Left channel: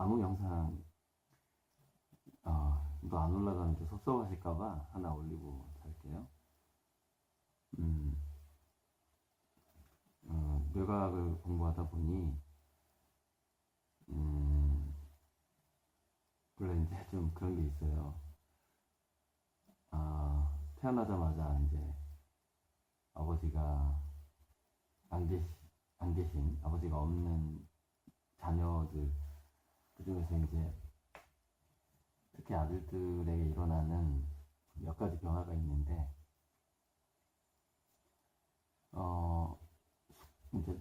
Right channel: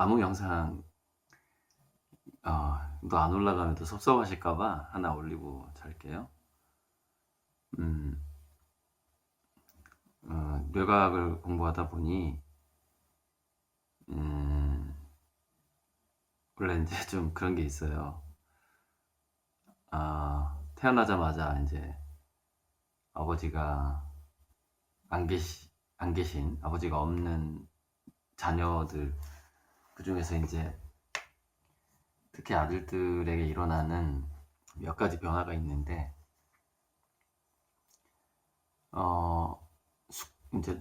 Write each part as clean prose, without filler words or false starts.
아무 영상 또 안 올라가면 또 섭섭하실까봐 하나 올리고 잘게요. 음, 뇌과학을 공부하다 보니 음, 원래 이제 좀 그런 게 있어요. 태어나자마자 이제 아버지가 안 계시 안 계신 아버지가 없는 자녀들, 그 중에서 이제 특히 아들들에게 일어나는 몇 가지 변화가 있는데, 어, 이제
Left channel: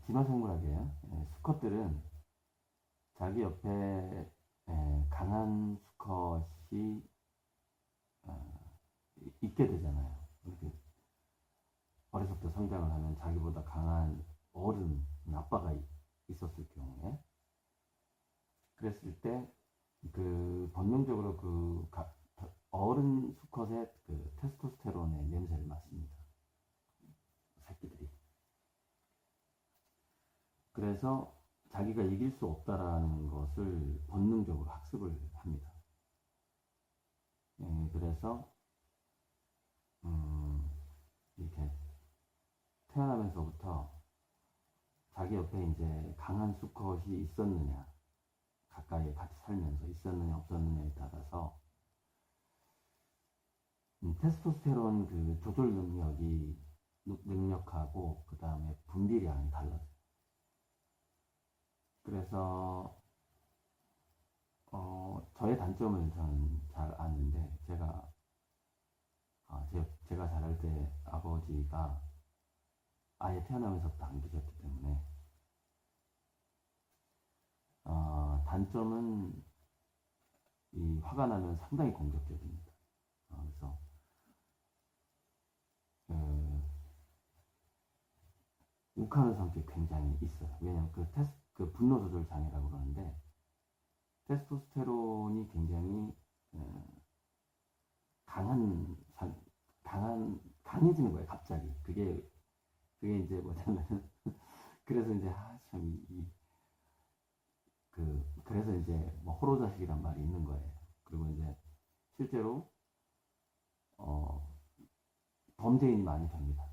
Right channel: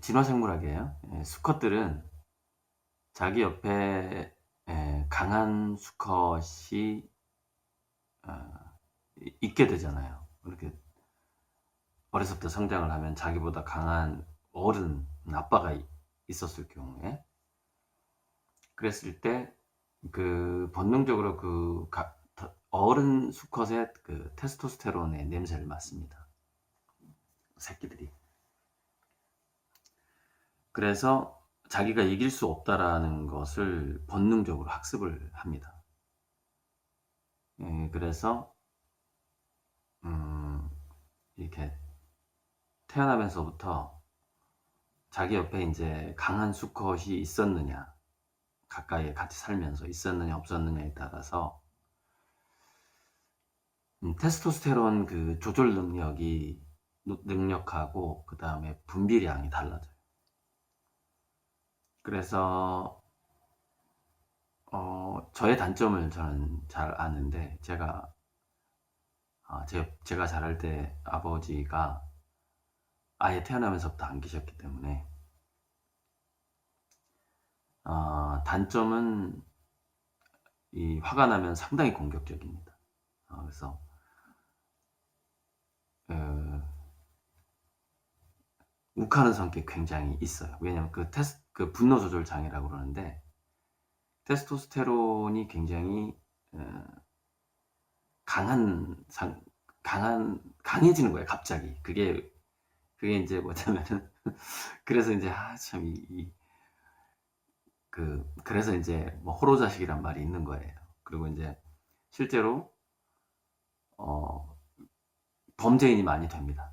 진화생물학이에요. 수컷들은 자기 옆에 강한 수컷이 있게 되잖아요. 이렇게 어려서부터 성장을 하면 자기보다 강한 어른, 아빠가 있었을 경우에, 그랬을 때 그 본능적으로 어른 수컷의 그 테스토스테론의 냄새를 맡습니다. 새끼들이. 그래서 자기가 이길 수 없다라는 것을 본능적으로 학습을 합니다. 그래서 이렇게 태어나면서부터 자기 옆에 이제 강한 수컷이 있었느냐, 가까이에 같이 살면서 있었느냐 없었느냐에 따라서 테스토스테론 그 조절 능력하고 그 다음에 분비량이 달라져요. 그래서 저의 단점을 저는 잘 아는데, 제가 자랄 때 아버지가 아예 태어나면서부터 안 계셨기 때문에, 단점은 이 화가 나면 상당히 공격적입니다. 그래서 욱하는 성격이 굉장히 있어요. 왜냐하면 그 분노 조절 장애라고 그러는데, 테스토스테론이 굉장히 강한 강해지는 거예요. 갑자기. 그게 이제 뭐냐면은 그래서 이제 참 그래서 이제 뭐 호로자식이란 말이 있는 거예요. 그리고 이제 실제로 어, 범죄인이 많이 됩니다.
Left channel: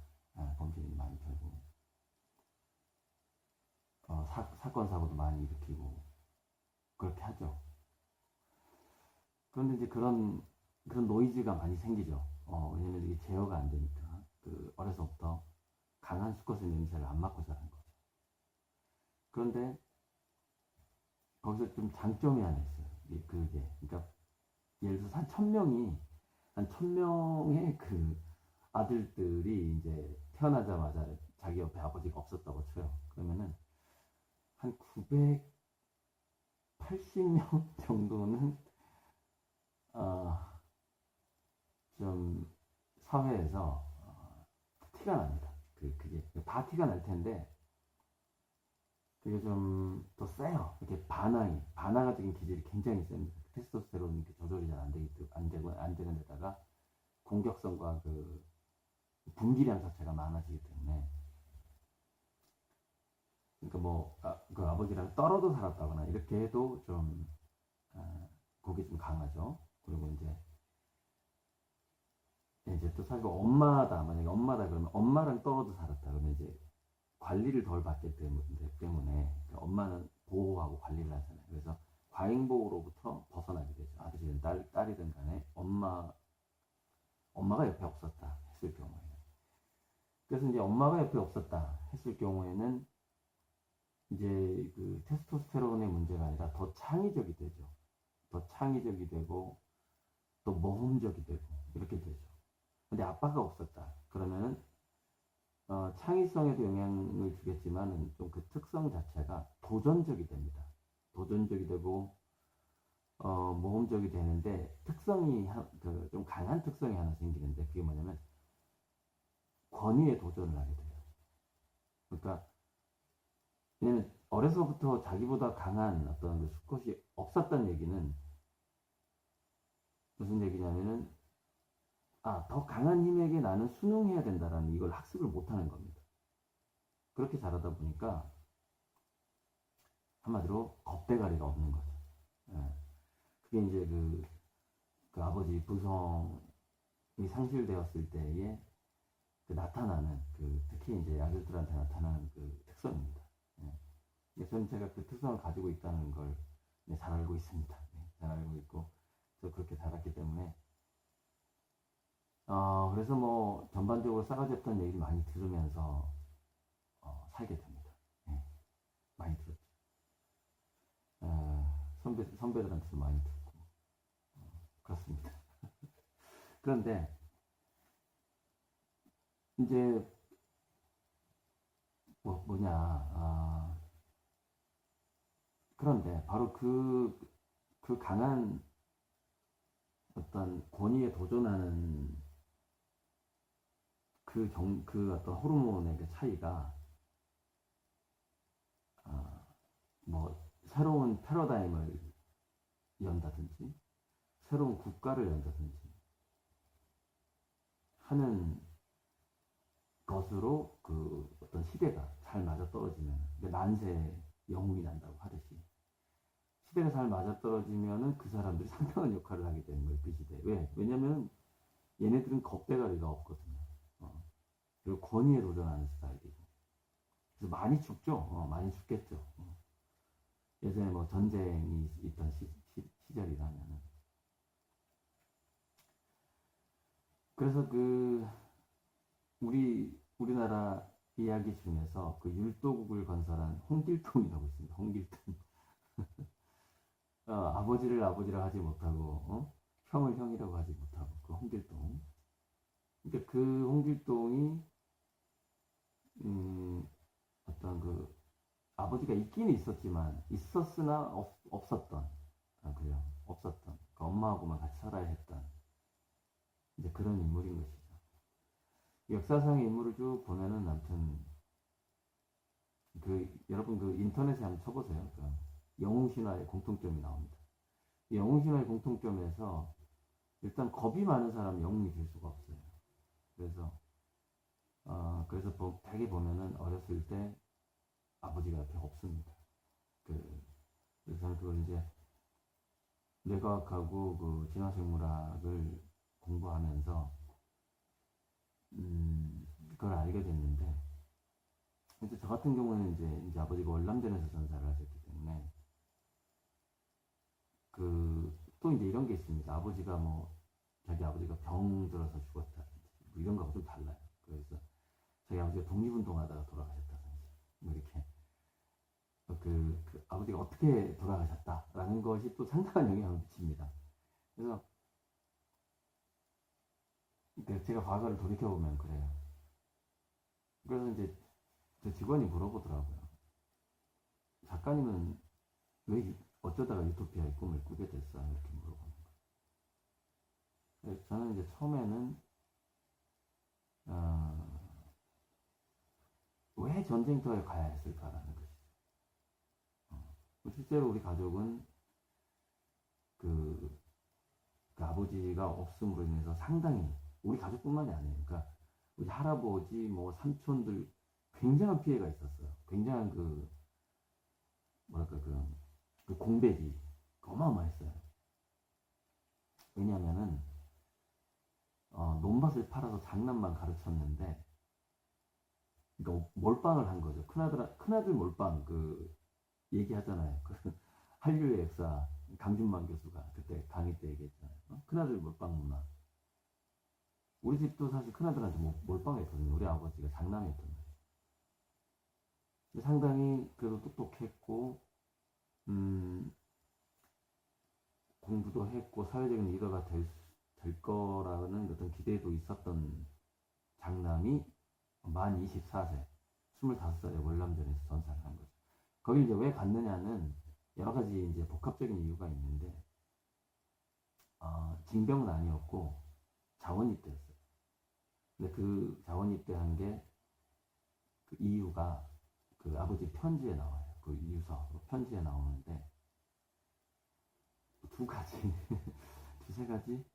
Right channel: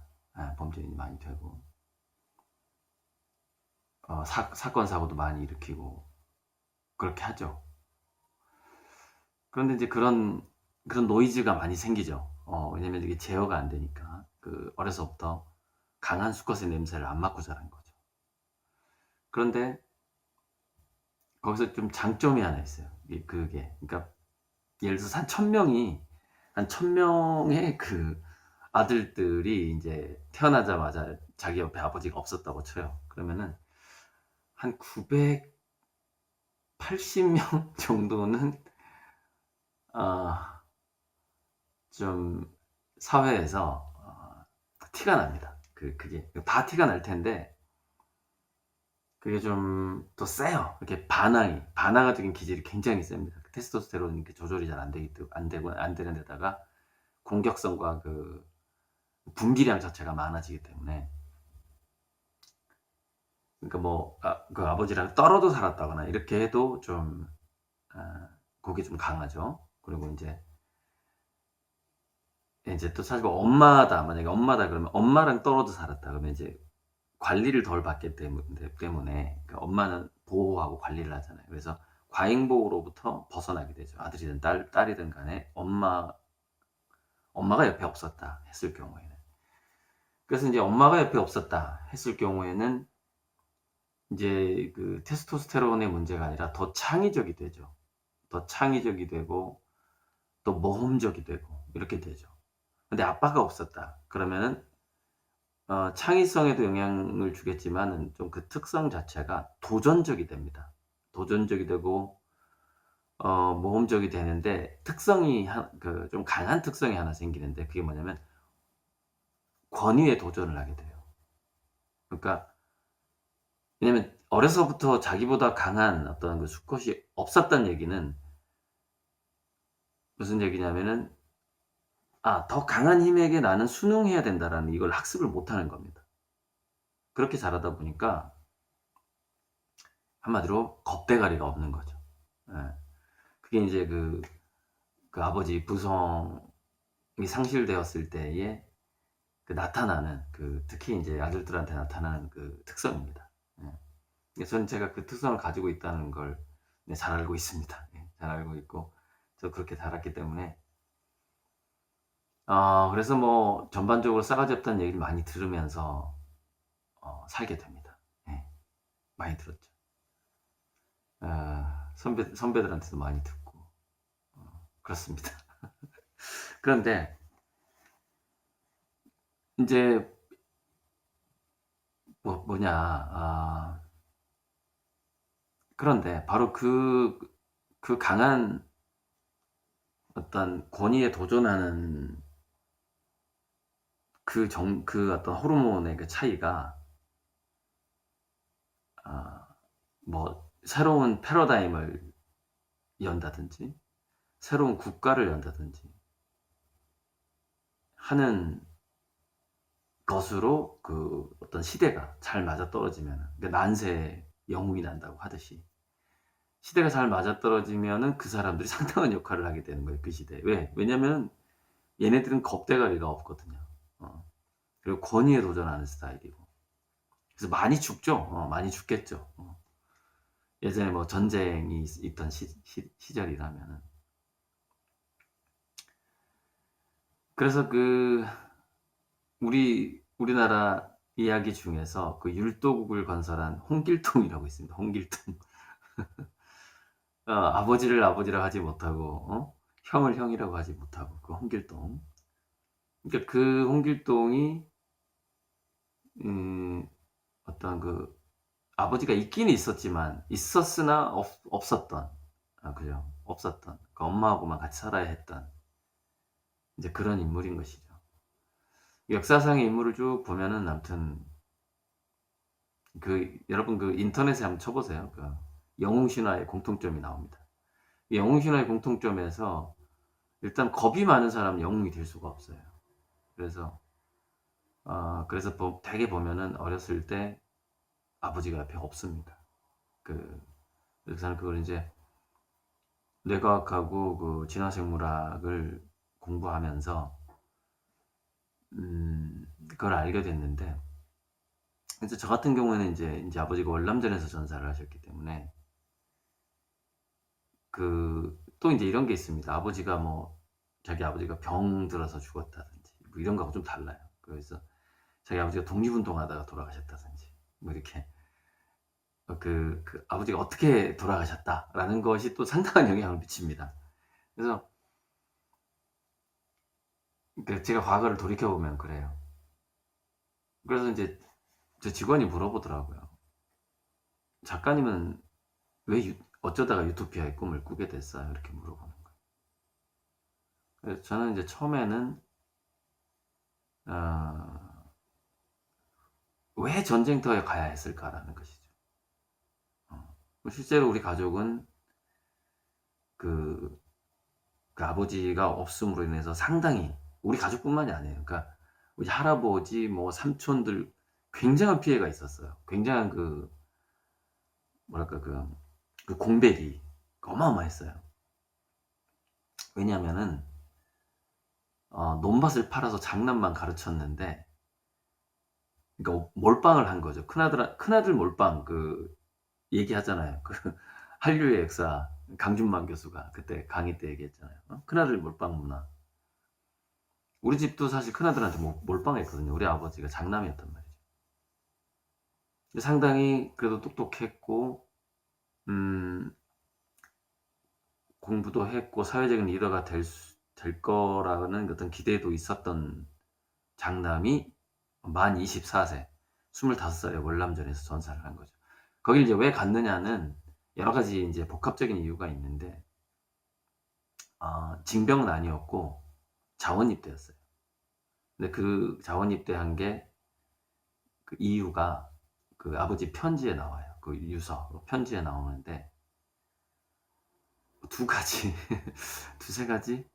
범죄인이 많이 되고, 사건 사고도 많이 일으키고 그렇게 하죠. 그런데 이제 그런 노이즈가 많이 생기죠. 왜냐면 이게 제어가 안 되니까, 어려서부터 강한 수컷의 냄새를 안 맡고 자란 거죠. 그런데 거기서 좀 장점이 하나 있어요. 그러니까 예를 들어서 한 1000명의 그 아들들이 이제 태어나자마자 자기 옆에 아버지가 없었다고 쳐요. 그러면은 한 980명 정도는 어, 좀 사회에서 티가 납니다. 그게 다 티가 날 텐데, 그게 좀 더 세요. 이렇게 반항적인 기질이 굉장히 셉니다. 테스토스테론이 이렇게 조절이 잘 안 되는 데다가 공격성과 그 분비량 자체가 많아지기 때문에, 그러니까 뭐 그 아버지랑 떨어져 살았다거나 이렇게 해도 좀 그게 좀 강하죠. 그리고 이제 또 사실 만약에 엄마다 그러면 엄마랑 떨어져 살았다 그러면 이제 관리를 덜 받기 때문에, 그 엄마는 보호하고 관리를 하잖아요. 그래서 과잉보호로부터 벗어나게 되죠. 아들이든 딸이든 간에 엄마가 옆에 없었다 했을 경우에는. 그래서 이제 엄마가 옆에 없었다 했을 경우에는 이제 그 테스토스테론의 문제가 아니라 더 창의적이 되죠. 더 창의적이 되고 또 모험적이 되고 이렇게 되죠. 근데 아빠가 없었다 그러면은 창의성에도 영향을 주겠지만 좀 그 특성 자체가 도전적이 됩니다. 도전적이 되고 모험적이 되는데, 좀 강한 특성이 하나 생기는데, 그게 뭐냐면 권위에 도전을 하게 돼요. 그러니까 왜냐면 어려서부터 자기보다 강한 어떤 그 수컷이 없었다는 얘기는 무슨 얘기냐면은, 더 강한 힘에게 나는 순응해야 된다라는 이걸 학습을 못 하는 겁니다. 그렇게 자라다 보니까 한마디로 겁대가리가 없는 거죠. 예. 그게 이제 그 아버지 부성이 상실되었을 때에 나타나는 특히 이제 아들들한테 나타나는 특성입니다. 예. 저는 제가 그 특성을 가지고 있다는 걸 네, 잘 알고 있습니다. 예, 잘 알고 있고 저 그렇게 자랐기 때문에 그래서 뭐 전반적으로 싸가지 없다는 얘기를 많이 들으면서 살게 됩니다. 예, 많이 들었죠. 선배들한테도 많이 듣고 그렇습니다. 그런데 이제 그런데 바로 그 강한 어떤 권위에 도전하는 그 어떤 호르몬의 그 차이가 뭐 새로운 패러다임을 연다든지 새로운 국가를 연다든지 하는 것으로 어떤 시대가 잘 맞아떨어지면 난세의 영웅이 난다고 하듯이 시대가 잘 맞아떨어지면은 그 사람들이 상당한 역할을 하게 되는 거예요. 그 시대에. 왜냐면 얘네들은 겁대가리가 없거든요. 그리고 권위에 도전하는 스타일이고. 그래서 많이 죽죠. 많이 죽겠죠. 예전에 뭐 전쟁이 있던 시절이라면은. 그래서 우리나라 이야기 중에서 그 율도국을 건설한 홍길동이라고 있습니다. 홍길동. 아버지를 아버지라 하지 못하고, 형을 형이라고 하지 못하고, 그 홍길동. 그러니까 그 홍길동이, 어떤 아버지가 있긴 있었지만, 있었으나 없었던, 그죠? 없었던, 그 엄마하고만 같이 살아야 했던, 이제 그런 인물인 것이죠. 역사상의 인물을 쭉 보면은, 아무튼, 여러분 인터넷에 한번 쳐보세요. 영웅신화의 공통점이 나옵니다. 영웅신화의 공통점에서, 일단 겁이 많은 사람은 영웅이 될 수가 없어요. 그래서 되게 보면은 어렸을 때 아버지가 옆에 없습니다. 그래서 그걸 이제 뇌과학하고 진화생물학을 공부하면서 그걸 알게 됐는데, 그래서 저 같은 경우에는 이제 아버지가 월남전에서 전사를 하셨기 때문에 또 이제 이런 게 있습니다. 자기 아버지가 병 들어서 죽었다든지 뭐 이런 거하고 좀 달라요. 그래서 자기 아버지가 독립운동하다가 돌아가셨다든지 뭐 이렇게 아버지가 어떻게 돌아가셨다라는 것이 또 상당한 영향을 미칩니다. 그래서 제가 과거를 돌이켜보면 그래요. 그래서 이제 제 직원이 물어보더라고요. 작가님은 왜 어쩌다가 유토피아의 꿈을 꾸게 됐어요? 이렇게 물어보는 거예요. 그래서 저는 이제 처음에는 왜 전쟁터에 가야 했을까라는 것이죠. 실제로 우리 가족은 그 아버지가 없음으로 인해서 상당히 우리 가족뿐만이 아니에요. 그러니까 우리 할아버지, 뭐 삼촌들 굉장한 피해가 있었어요. 굉장한 뭐랄까 공백이 어마어마했어요. 왜냐하면은 논밭을 팔아서 장난만 가르쳤는데, 그러니까 몰빵을 한 거죠. 큰아들 몰빵 얘기하잖아요. 한류의 역사 강준만 교수가 그때 강의 때 얘기했잖아요. 큰아들 몰빵 문화. 우리 집도 사실 큰아들한테 몰빵했거든요. 우리 아버지가 장남이었단 말이죠. 상당히 그래도 똑똑했고 공부도 했고 사회적인 리더가 될 거라는 어떤 기대도 있었던 장남이 만 24세, 25살에 월남전에서 전사를 한 거죠. 거길 이제 왜 갔느냐는 여러 가지 이제 복합적인 이유가 있는데, 징병은 아니었고 자원 입대였어요. 근데 그 자원 입대한 게 이유가 아버지 편지에 나와요. 유서 편지에 나오는데 두 가지, 두세 가지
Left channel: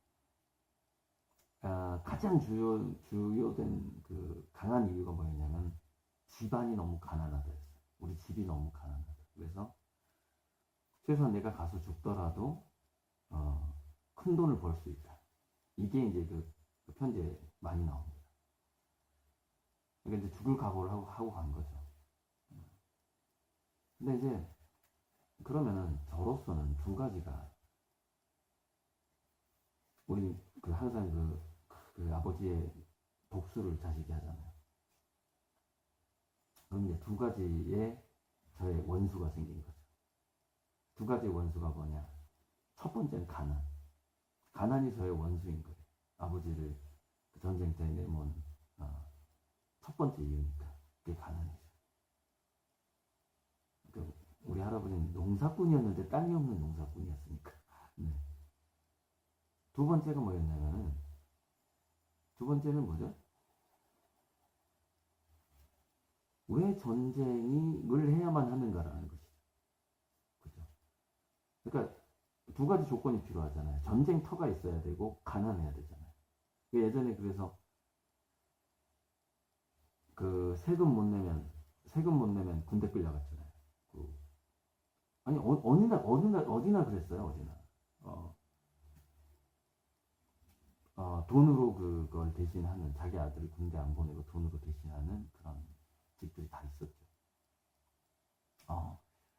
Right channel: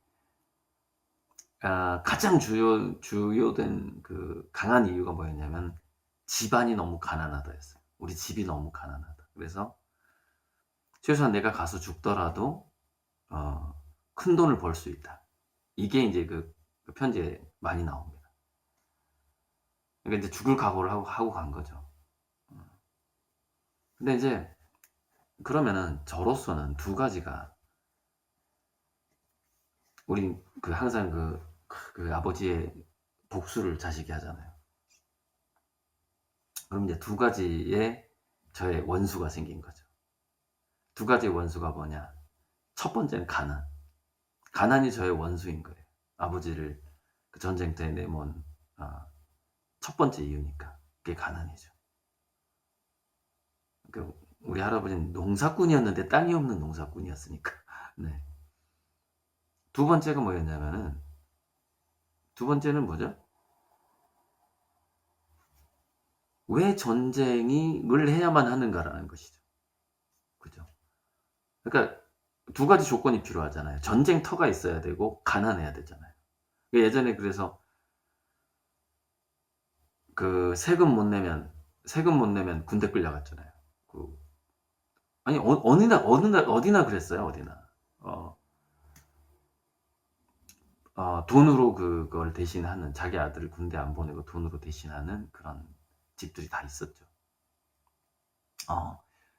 가장 주요된 강한 이유가 뭐였냐면 집안이 너무 가난하다였어요. 우리 집이 너무 가난하다. 그래서 최소한 내가 가서 죽더라도 큰 돈을 벌 수 있다. 이게 이제 그 편지에 많이 나옵니다. 그러니까 이제 죽을 각오를 하고 간 거죠. 근데 이제 그러면은 저로서는 두 가지가, 우린 항상 그 아버지의 복수를 자식이 하잖아요. 그럼 이제 두 가지의 저의 원수가 생긴 거죠. 두 가지의 원수가 뭐냐? 첫 번째는 가난. 가난이 저의 원수인 거예요. 아버지를 그 전쟁 때 내몬 첫 번째 이유니까. 그게 가난이죠. 우리 할아버지는 농사꾼이었는데 땅이 없는 농사꾼이었으니까. 네. 두 번째가 뭐였냐면은, 두 번째는 뭐죠? 왜 전쟁을 해야만 하는가라는 것이죠. 그죠? 그러니까 두 가지 조건이 필요하잖아요. 전쟁터가 있어야 되고 가난해야 되잖아요. 예전에 그래서 그 세금 못 내면 군대 끌려갔잖아요. 아니 어디나 그랬어요. 어디나. 돈으로 그걸 대신하는, 자기 아들을 군대 안 보내고 돈으로 대신하는 그런 집들이 다 있었죠.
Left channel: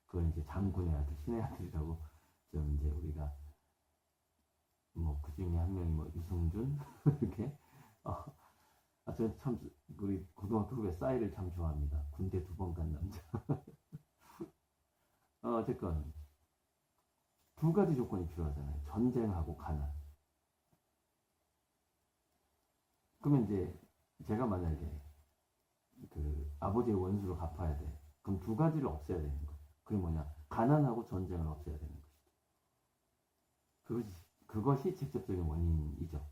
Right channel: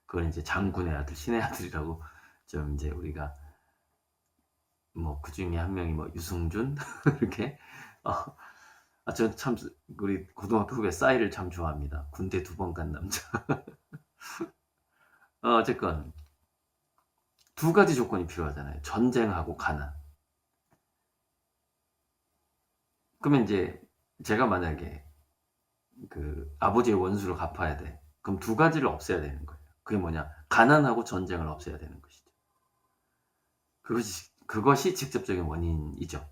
그걸 이제 장군의 아들, 신의 아들이라고 좀 이제 우리가 뭐 그 중에 한 명이 뭐 유승준 이렇게. 저 참 우리 고등학교 후배 싸이를 참 좋아합니다. 군대 2번 간 남자. 어쨌건 두 가지 조건이 필요하잖아요. 전쟁하고 가난. 그러면 이제 제가 만약에 그 아버지의 원수를 갚아야 돼. 그럼 두 가지를 없애야 되는 거예요. 그게 뭐냐? 가난하고 전쟁을 없애야 되는 것이죠. 그것이 직접적인 원인이죠.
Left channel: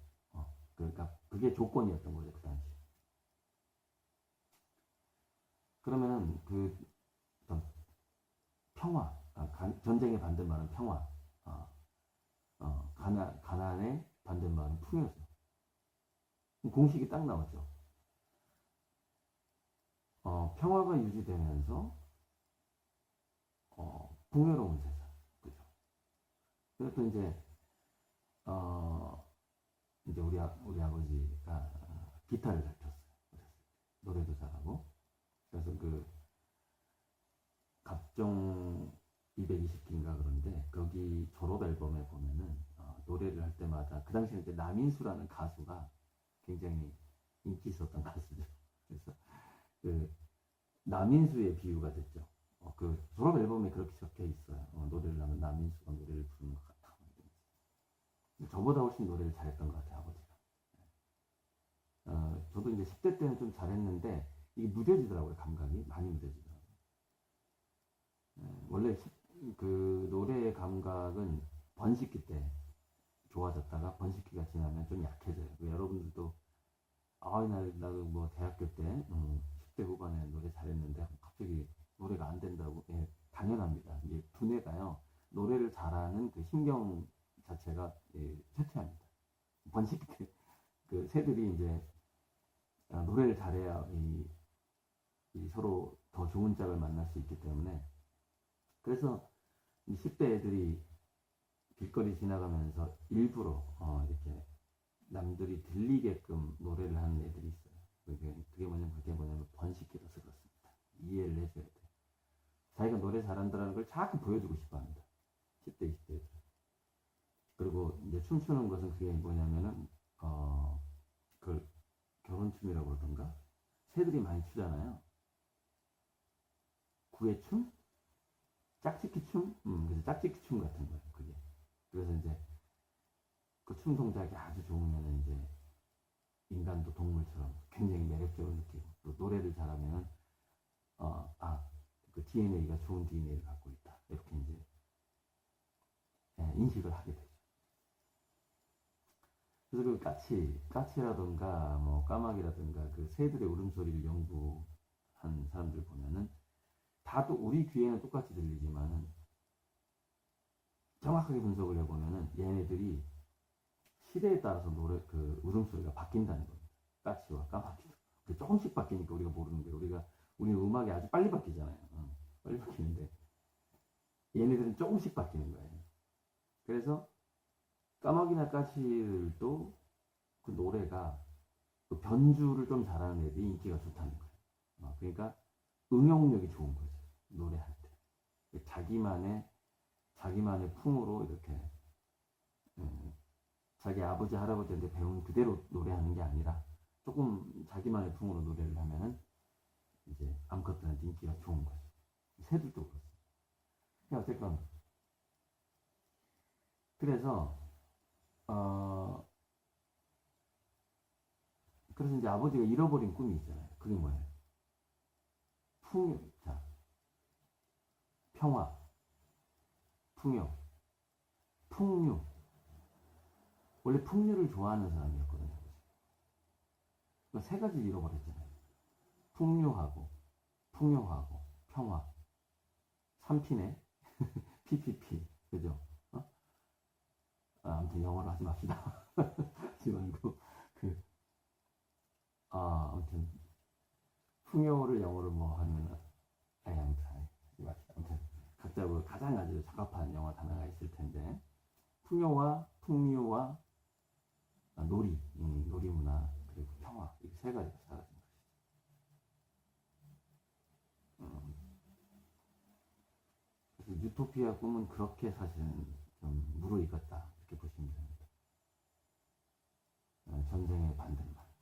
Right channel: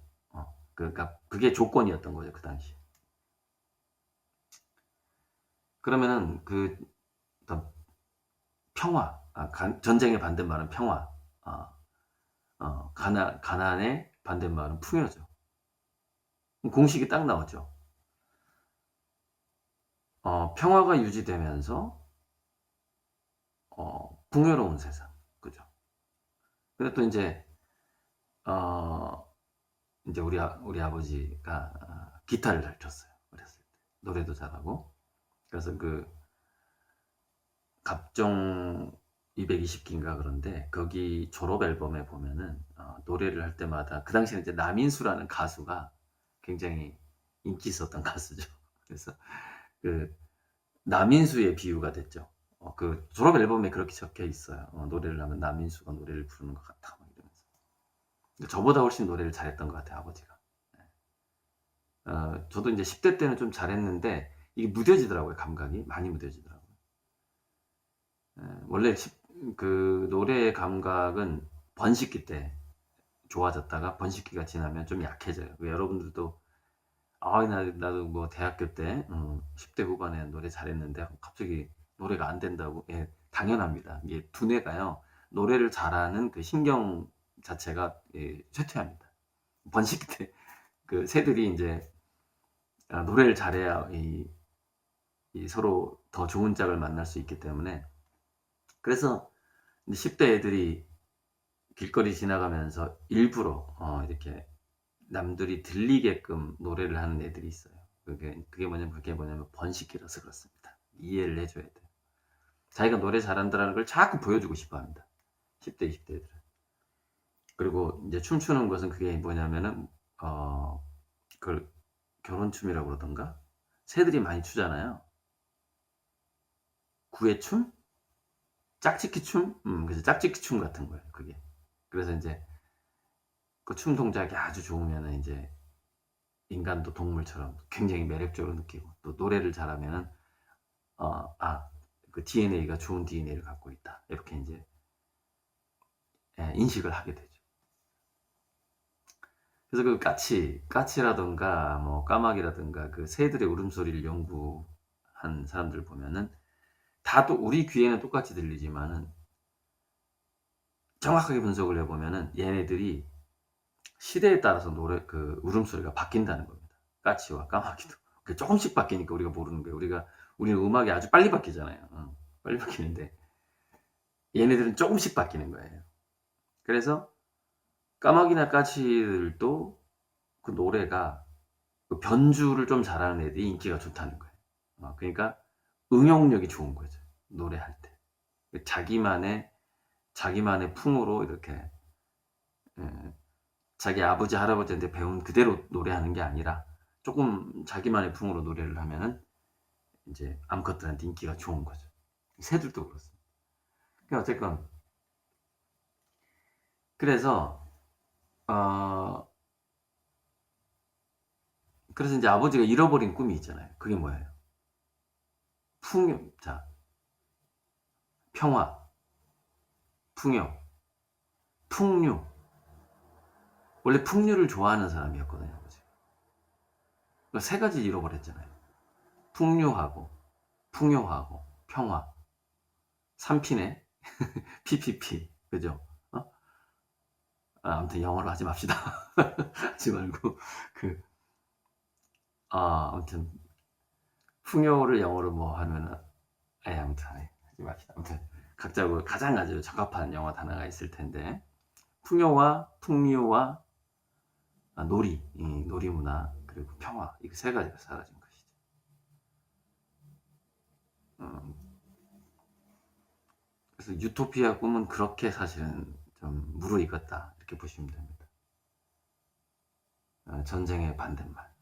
그러니까 그게 조건이었던 거죠, 그 당시. 그러면은 어떤 평화, 전쟁의 반대말은 평화, 가난의 반대말은 풍요죠. 공식이 딱 나오죠. 평화가 유지되면서 풍요로운 세상, 그죠? 근데 또 이제 우리 아버지가 기타를 잘 쳤어요. 어렸을 때 노래도 잘하고. 그래서 갑종 220기인가 그런데 거기 졸업 앨범에 보면은 노래를 할 때마다, 그 당시에 이제 남인수라는 가수가 굉장히 인기 있었던 가수죠. 그래서 남인수의 비유가 됐죠. 그 졸업 앨범에 그렇게 적혀 있어요. 노래를 하면 남인수가 노래를 부르는 것 같다, 막 이러면서. 저보다 훨씬 노래를 잘했던 것 같아요, 아버지가. 저도 이제 10대 때는 좀 잘했는데 이게 무뎌지더라고요. 감각이 많이 무뎌지더라고요. 원래 그 노래의 감각은 번식기 때 좋아졌다가 번식기가 지나면 좀 약해져요. 여러분들도 나도 뭐 대학교 때 10대 후반에 노래 잘했는데 갑자기 노래가 안 된다고. 예, 당연합니다. 이게 두뇌가요, 노래를 잘하는 그 신경 자체가 쇠퇴합니다. 번식기 때 그 새들이 이제 노래를 잘해야 서로 더 좋은 짝을 만날 수 있기 때문에. 그래서 10대 애들이 길거리 지나가면서 일부러 이렇게 남들이 들리게끔 노래를 하는 애들이 있어요. 그게 뭐냐면 번식기라서 그렇습니다. 이해를 해줘야 돼요. 자기가 노래 잘한다는 걸 자꾸 보여주고 싶어 합니다. 10대, 20대 애들은. 그리고 이제 춤추는 것은 그게 뭐냐면은 그걸 결혼춤이라고 그러던가? 새들이 많이 추잖아요. 구애춤? 짝짓기춤? 그래서 짝짓기춤 같은 거예요, 그게. 그래서 이제 그 춤 동작이 아주 좋으면은 이제 인간도 동물처럼 굉장히 매력적으로 느끼고, 또 노래를 잘하면은 그 DNA가 좋은 DNA를 갖고 있다, 이렇게 이제 인식을 하게 되죠. 그래서 그 까치라든가 뭐 까마귀라든가 그 새들의 울음소리를 연구한 사람들 보면은 다 또 우리 귀에는 똑같이 들리지만은 정확하게 분석을 해보면은 얘네들이 시대에 따라서 그 울음소리가 바뀐다는 겁니다. 까치와 까마귀도 조금씩 바뀌니까 우리가 모르는 거예요. 우리는 음악이 아주 빨리 바뀌잖아요. 빨리 바뀌는데 얘네들은 조금씩 바뀌는 거예요. 그래서 까마귀나 까치들도 그 노래가 그 변주를 좀 잘하는 애들이 인기가 좋다는 거예요. 그러니까 응용력이 좋은 거죠. 노래할 때. 자기만의 풍으로 이렇게 자기 아버지 할아버지한테 배운 그대로 노래하는 게 아니라 조금 자기만의 풍으로 노래를 하면은 이제 암컷들한테 인기가 좋은 거죠. 새들도 그렇습니다. 그러니까 어쨌건 그래서 그래서 이제 아버지가 잃어버린 꿈이 있잖아요. 그게 뭐예요? 평화, 풍요, 풍류. 원래 풍류를 좋아하는 사람이었거든요. 그러니까 세 가지 잃어버렸잖아요. 풍류하고, 풍요하고, 평화. 3P네. PPP. 그죠? 아무튼 영어로 하지 맙시다. 하지 말고, 아무튼, 풍요를 영어로 뭐 하면은, 아무튼, 하지 맙시다. 아무튼, 각자 가장 아주 적합한 영어 단어가 있을 텐데, 풍요와 풍류와 놀이 문화, 그리고 평화, 이 세 가지가 사라진 것이죠. 그래서 유토피아 꿈은 그렇게 사실은 좀 무르익었다, 이렇게 보시면 됩니다. 전쟁의 반대말,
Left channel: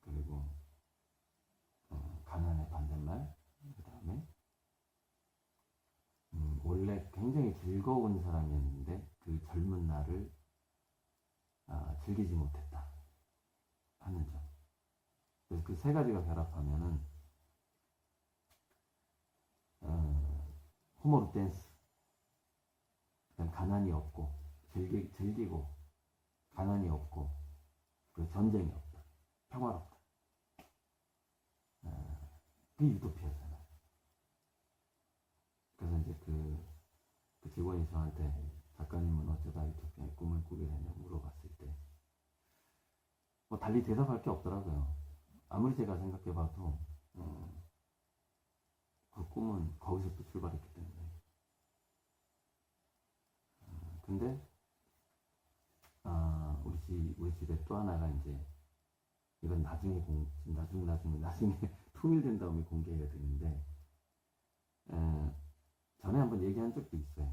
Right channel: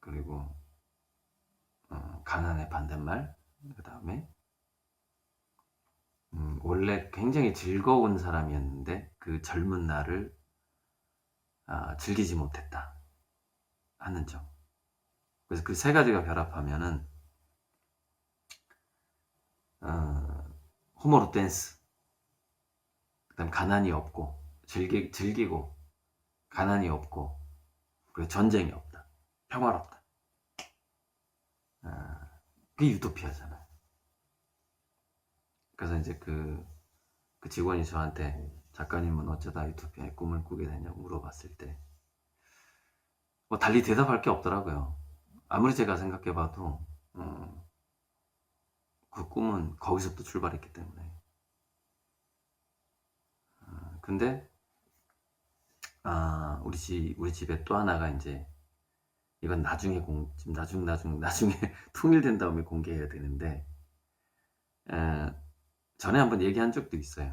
그리고 가난의 반대말, 그 다음에 원래 굉장히 즐거운 사람이었는데 그 젊은 날을 즐기지 못했다 하는 점. 그래서 그 세 가지가 결합하면은 호모로 댄스, 그다음 가난이 없고 즐기고 가난이 없고 그리고 전쟁이 없다, 평화롭다. 그게 유토피아잖아요. 그래서 이제 그 직원이 저한테 작가님은 어쩌다 유토피아의 꿈을 꾸게 되냐고 물어봤을 때 뭐 달리 대답할 게 없더라고요. 아무리 제가 생각해봐도 그 꿈은 거기서부터 출발했기 때문에. 근데 우리 집에 또 하나가 이제 이건 나중에 통일된 다음에 공개해야 되는데 전에 한번 얘기한 적도 있어요.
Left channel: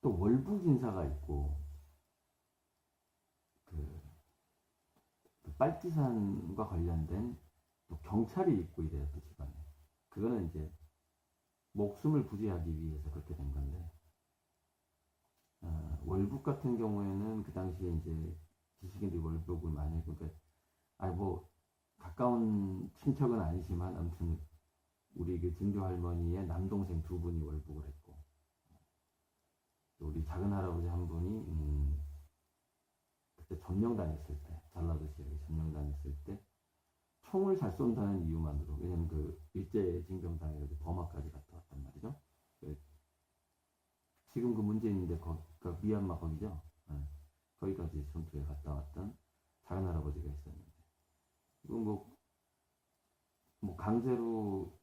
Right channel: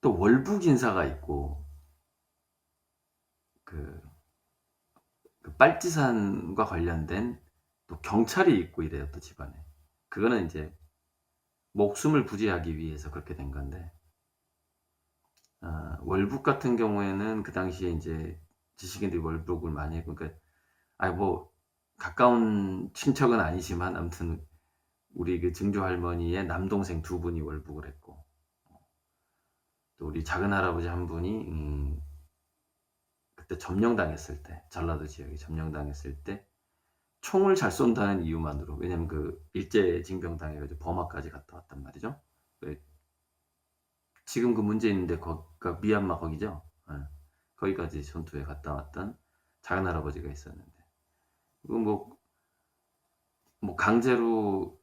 또 월북 인사가 있고 그 빨치산과 관련된 또 경찰이 있고 이래요, 또 집안에. 그거는 이제 목숨을 부지하기 위해서 그렇게 된 건데, 월북 같은 경우에는 그 당시에 이제 지식인들이 월북을 많이 했고, 그러니까 뭐 가까운 친척은 아니지만 아무튼 우리 그 증조 할머니의 남동생 2분이 월북을 했고, 또 우리 작은 할아버지 한 분이 그때 점령당했을 때, 전라도 지역에 점령당했을 때 총을 잘 쏜다는 이유만으로, 왜냐면 그 일제징병 당해가지고 버마까지 갔다 왔단 말이죠. 지금 그 문제 있는데 거기가 미얀마 거기죠. 거기까지 전투에 갔다 왔던 작은 할아버지가 있었는데, 뭐 강제로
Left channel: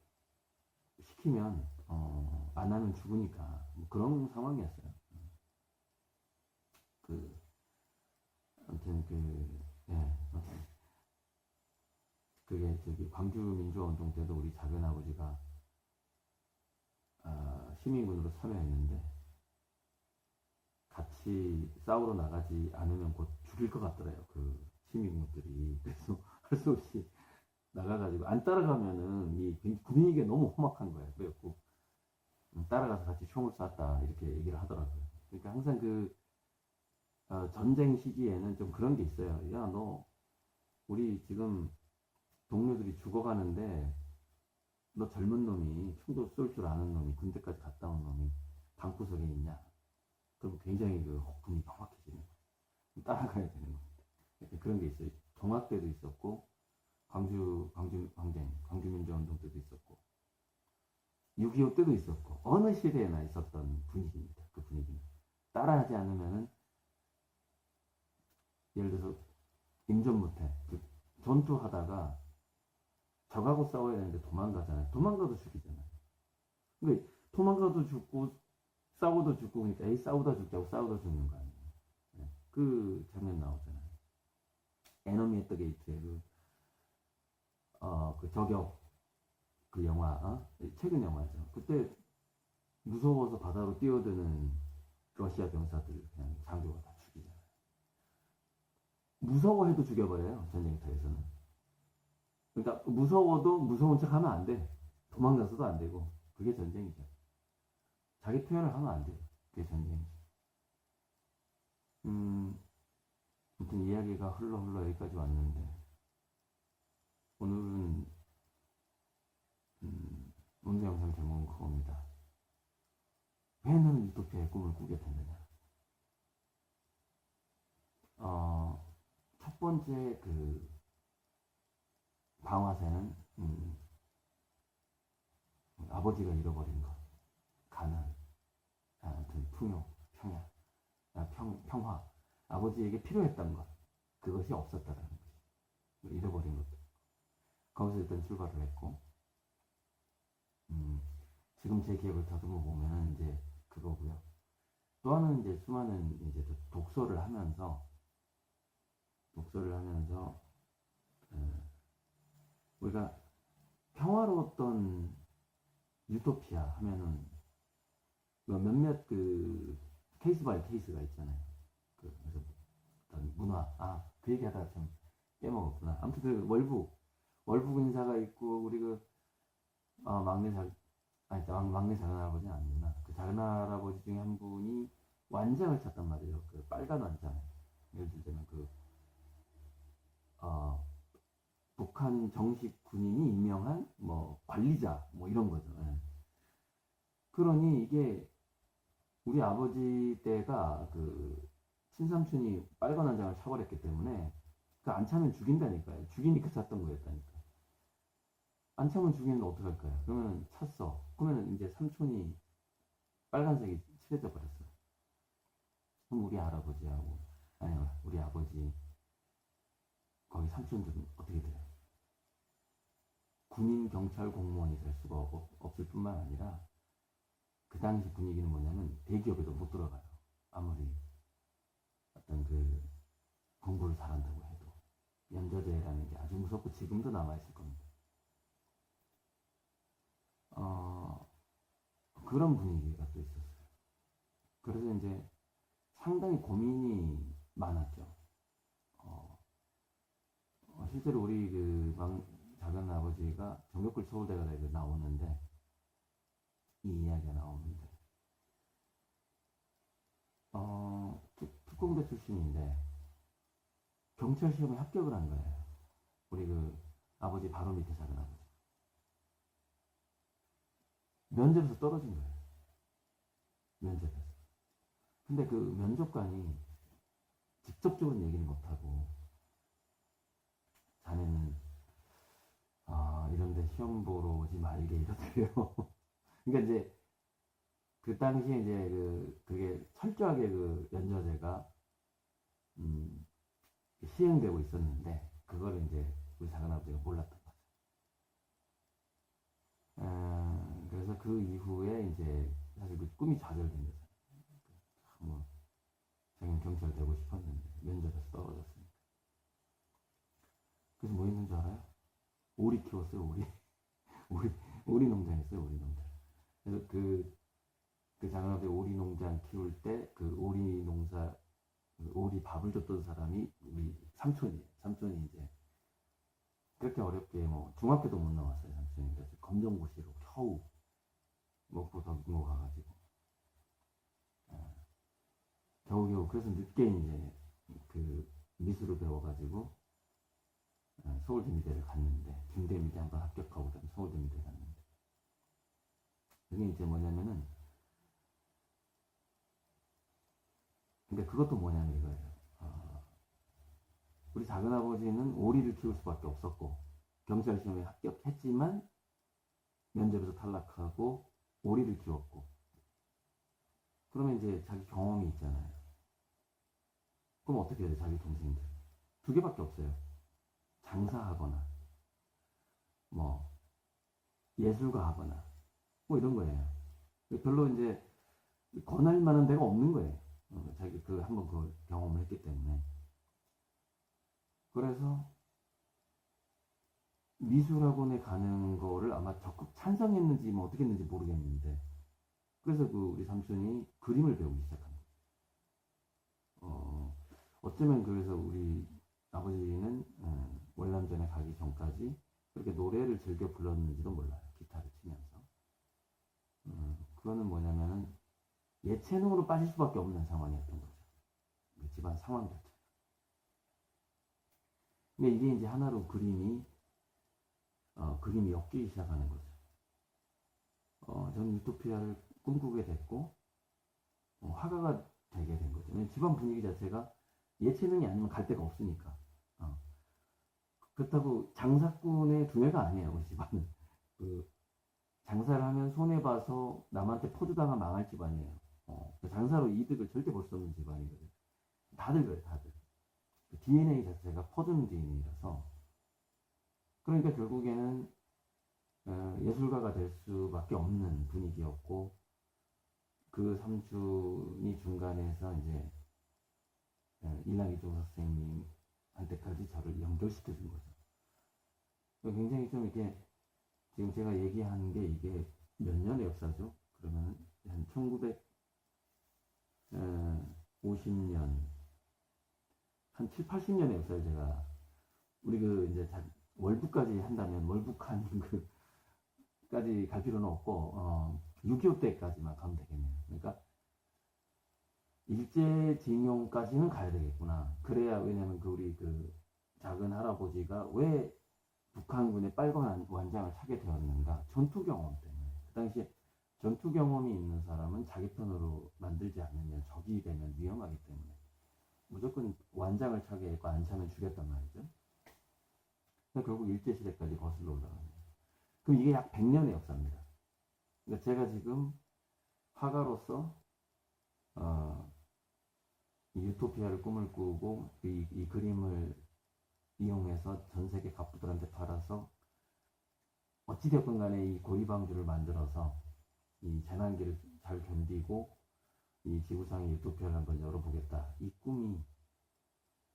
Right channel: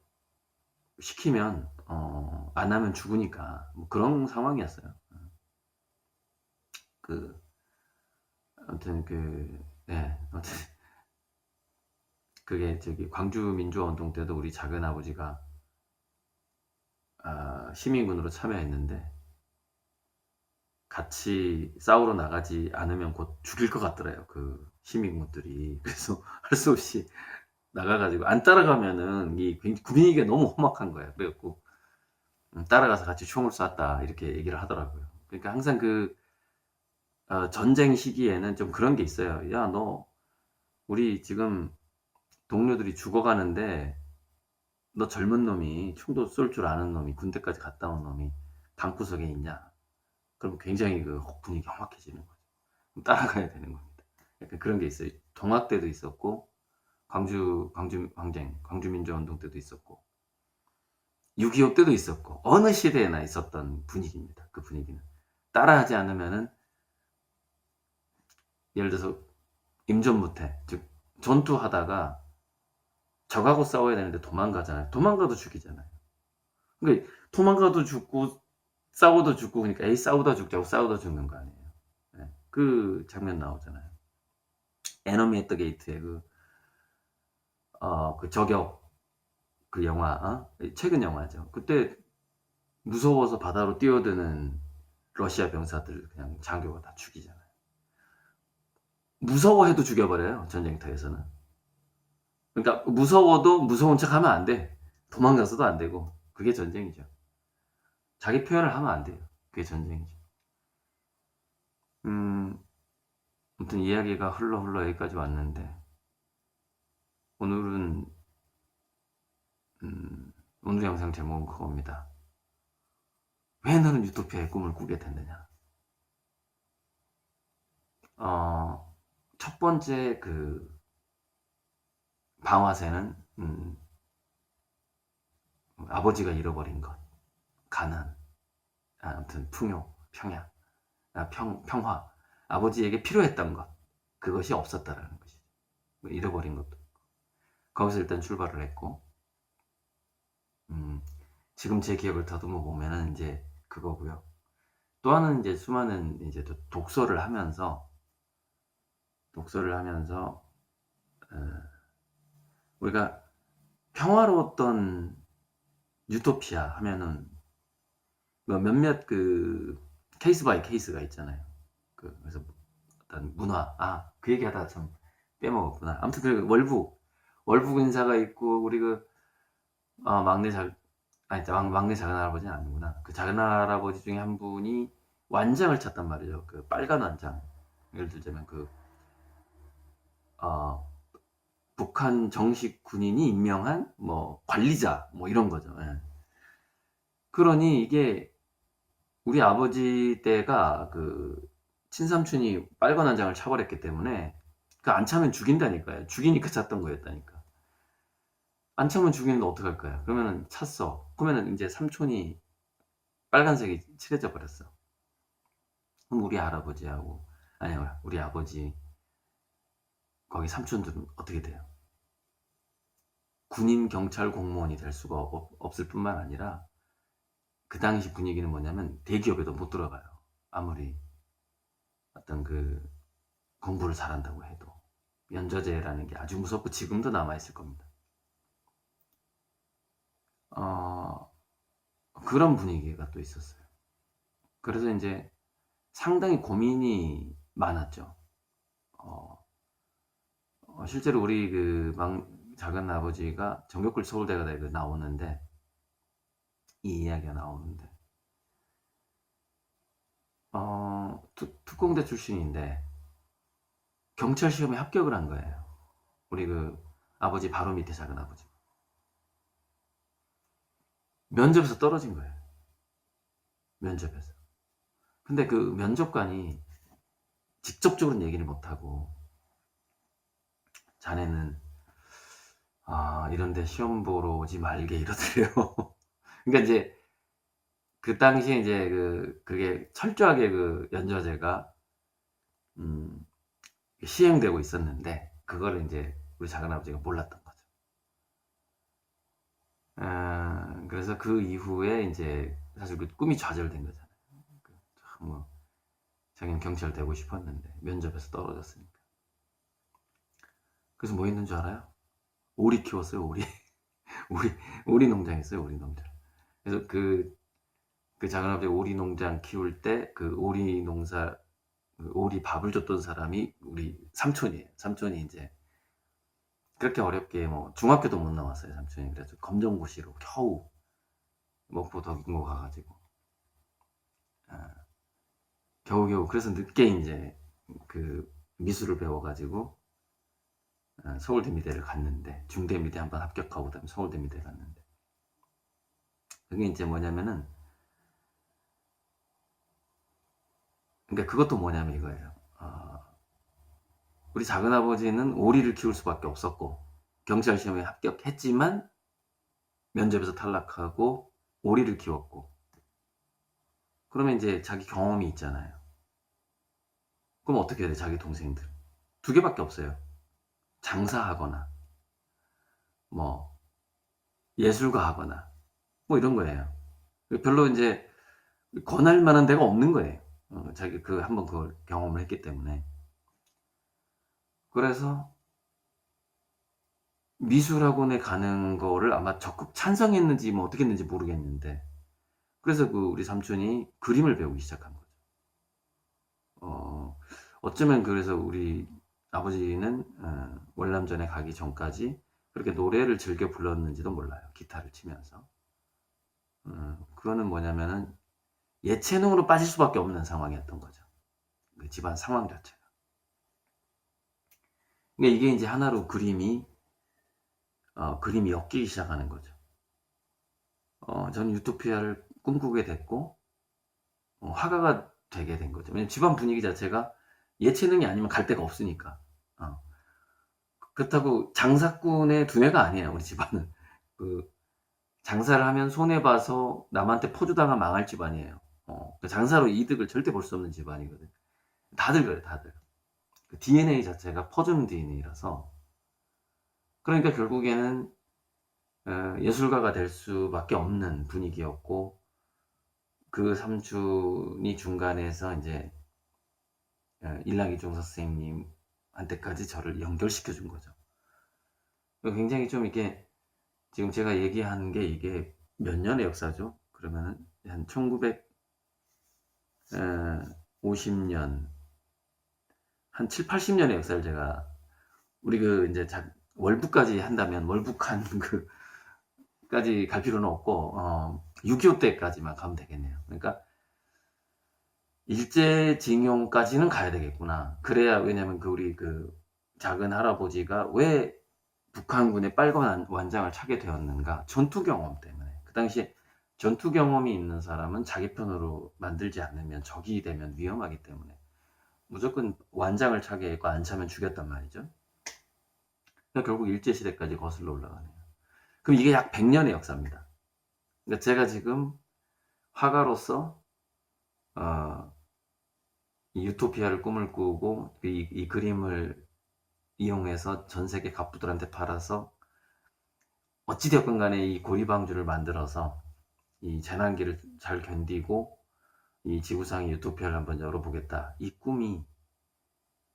시키면 안 하면 죽으니까 뭐 그런 상황이었어요. 아무튼 아무튼 그게 저기 광주 민주화운동 때도 우리 작은 아버지가 시민군으로 참여했는데 같이 싸우러 나가지 않으면 곧 죽일 것 같더래요, 그 시민군들이. 그래서 할 수 없이 나가가지고 안 따라가면은 이 분위기가 너무 험악한 거예요. 그래갖고 따라가서 같이 총을 쐈다, 이렇게 얘기를 하더라고요. 그러니까 항상 전쟁 시기에는 좀 그런 게 있어요. 야, 너 우리 지금 동료들이 죽어가는데 너 젊은 놈이, 총도 쏠 줄 아는 놈이, 군대까지 갔다 온 놈이 방구석에 있냐? 그럼 굉장히 그 분위기 험악해지는 거죠. 따라가야 되는 겁니다. 약간 그런 게 있어요. 동학 때도 있었고, 광주 항쟁, 광주 민주화운동 때도 있었고, 6.25 때도 있었고, 어느 시대에나 있었던 분위기입니다. 그 분위기는 따라하지 않으면은, 예를 들어서 임전무태, 즉 전투하다가 적하고 싸워야 되는데 도망가잖아요. 도망가도 죽이잖아요. 그러니까 도망가도 죽고 싸워도 죽고, 그러니까 에이 싸우다 죽자고 싸우다 죽는 거 아니에요. 예. 그 장면 나오잖아요. 에너미 앳 더 게이트의 그 저격 그 영화, 최근 영화죠. 그때 무서워서 바다로 뛰어드는 러시아 병사들 그냥 장교가 다 죽이잖아요. 무서워해도 죽여버려요, 전쟁터에서는. 그러니까 무서워도 무서운 척하면 안 돼. 도망가서도 안 되고. 그게 전쟁이죠. 자기 표현을 하면 안 돼요. 그게 전쟁이죠. 아무튼 이야기가 흘러 여기까지 왔는데, 오늘은 오늘 영상 제목은 그겁니다. 왜 너는 유토피아의 꿈을 꾸게 됐느냐? 첫 번째 그 방화쇠는 아버지가 잃어버린 것, 가난, 아무튼 풍요, 평야, 평화, 아버지에게 필요했던 것, 그것이 없었다라는 것이죠. 잃어버린 것도. 거기서 일단 출발을 했고, 지금 제 기억을 더듬어 보면은 이제 그거고요. 또 하나는 이제 수많은 이제 독서를 하면서 우리가 평화로웠던 유토피아 하면은 뭐 몇몇 그 케이스 바이 케이스가 있잖아요. 그래서 어떤 문화, 그 얘기하다가 참 빼먹었구나. 아무튼 그 월북 인사가 있고, 우리 막내 작은 할아버지는 아니구나. 그 작은 할아버지 중에 한 분이 완장을 찼단 말이죠. 그 빨간 완장. 예를 들자면 북한 정식 군인이 임명한 뭐 관리자 뭐 이런 거죠. 예. 그러니 이게 우리 아버지 때가 그 친삼촌이 빨간 완장을 차버렸기 때문에 그 안 차면 죽인다니까요. 죽이니까 찼던 거였다니까. 안 차면 죽이는데 어떡할 거야? 그러면은 찼어. 그러면은 이제 삼촌이 빨간색이 칠해져 버렸어. 그럼 우리 할아버지하고, 아니요, 우리 아버지, 거기 삼촌들은 어떻게 돼요? 군인, 경찰, 공무원이 될 수가 없을 뿐만 아니라, 그 당시 분위기는 뭐냐면 대기업에도 못 들어가요. 아무리 어떤 공부를 잘한다고 해도. 면저제라는 게 아주 무섭고 지금도 남아있을 겁니다. 그런 분위기가 또 있었어요. 그래서 이제 상당히 고민이 많았죠. 실제로 우리 작은 아버지가 정교꿀 서울대가다에 나오는데, 이 이야기가 나오는데, 특공대 출신인데 경찰 시험에 합격을 한 거예요. 우리 아버지 바로 밑에 작은 아버지. 면접에서 떨어진 거예요. 면접에서. 근데 그 면접관이 직접적으로는 얘기를 못하고, 자네는 이런데 시험 보러 오지 말게 이러더래요. 그러니까 이제 그 당시에 이제 그게 철저하게 연저제가 시행되고 있었는데, 그거를 이제 우리 작은아버지가 몰랐던 거죠. 그래서 그 이후에 이제 사실 꿈이 좌절된 거잖아요. 뭐 자기는 경찰 되고 싶었는데 면접에서 떨어졌으니까. 그래서 뭐 했는 줄 알아요? 오리 키웠어요. 오리 농장 했어요. 오리 농장. 그래서 작은아버지 오리 농장 키울 때 오리 농사, 오리 밥을 줬던 사람이 우리 삼촌이에요. 삼촌이 이제 그렇게 어렵게 뭐 중학교도 못 나왔어요. 삼촌이. 그래서 검정고시로 겨우 먹고 덕인고 가가지고 겨우겨우, 그래서 늦게 이제 미술을 배워가지고 서울대미대를 갔는데, 중대미대 한번 합격하고 그다음에 서울대미대 갔는데, 그게 이제 뭐냐면은, 그러니까 그것도 뭐냐면 이거예요. 우리 작은아버지는 오리를 키울 수밖에 없었고, 경찰 시험에 합격했지만 면접에서 탈락하고 오리를 키웠고, 그러면 이제 자기 경험이 있잖아요. 그럼 어떻게 해야 돼? 자기 동생들 두 개밖에 없어요. 장사하거나 뭐 예술가 하거나 뭐 이런 거예요. 별로 이제 권할 만한 데가 없는 거예요. 자기 한번 그걸 경험을 했기 때문에. 그래서 미술학원에 가는 거를 아마 적극 찬성했는지 뭐 어떻게 했는지 모르겠는데, 그래서 우리 삼촌이 그림을 배우기 시작한 거죠. 어쩌면 그래서 우리 아버지는 월남전에 가기 전까지 그렇게 노래를 즐겨 불렀는지도 몰라요. 기타를 치면서. 그거는 뭐냐면은 예체능으로 빠질 수밖에 없는 상황이었던 거죠. 그 집안 상황 자체가. 그러니까 이게 이제 하나로 그림이 엮이기 시작하는 거죠. 저는 유토피아를 꿈꾸게 됐고, 화가가 되게 된 거죠. 왜냐면 집안 분위기 자체가 예체능이 아니면 갈 데가 없으니까. 그렇다고 장사꾼의 두뇌가 아니에요, 우리 집안은. 그 장사를 하면 손해봐서 남한테 포주당하면 망할 집안이에요. 장사로 이득을 절대 볼 수 없는 집안이거든. 다들 그래, 다들. 그 DNA 자체가 퍼주는 DNA라서. 그러니까 결국에는 예술가가 될 수밖에 없는 분위기였고, 그 삼촌이 중간에서 이제 일랑이종 선생님한테까지 저를 연결시켜 준 거죠. 굉장히 좀 이게 지금 제가 얘기하는 게 이게 몇 년의 역사죠? 그러면은 한 1950년, 한 7, 80년의 역사를 제가 우리 이제 월북까지 한다면 월북한 까지 갈 필요는 없고 6.25 때까지만 가면 되겠네요. 그러니까 일제징용까지는 가야 되겠구나. 그래야, 왜냐면 우리 작은 할아버지가 왜 북한군의 빨간 완장을 차게 되었는가? 전투 경험 때문에. 그 당시에 전투 경험이 있는 사람은 자기 편으로 만들지 않으면 적이 되면 위험하기 때문에 무조건 완장을 차게 했고, 안 차면 죽였단 말이죠. 그러니까 결국 일제시대까지 거슬러 올라가네요. 그럼 이게 약 100년의 역사입니다. 그러니까 제가 지금 화가로서 이 유토피아를 꿈을 꾸고 이 그림을 이용해서 전 세계 갑부들한테 팔아서 어찌되었건 간에 이 고리방주를 만들어서 이 재난기를 잘 견디고 이 지구상의 유토피아를 한번 열어보겠다. 이 꿈이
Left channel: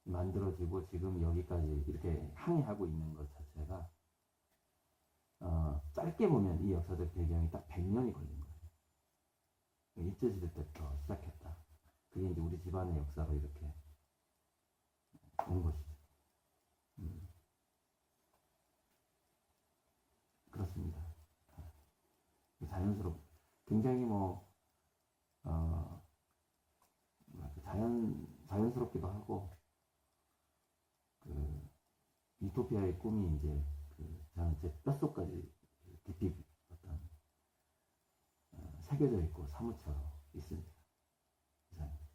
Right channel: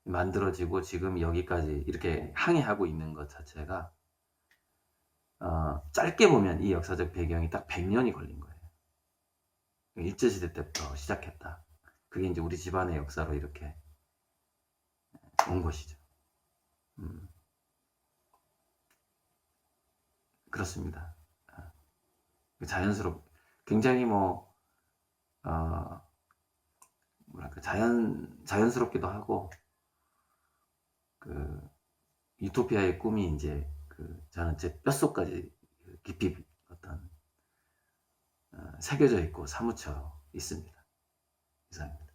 만들어지고 지금 여기까지 이렇게 항해하고 있는 것 자체가 짧게 보면 이 역사적 배경이 딱 100년이 걸린 거예요. 일제시대 때부터 시작했다. 그게 이제 우리 집안의 역사로 이렇게 온 것이죠. 그렇습니다. 굉장히 뭐랄까, 자연스럽기도 하고, 유토피아의 꿈이 이제 저는 제 뼛속까지 깊이 어떤 새겨져 있고 사무쳐 있습니다. 이상입니다.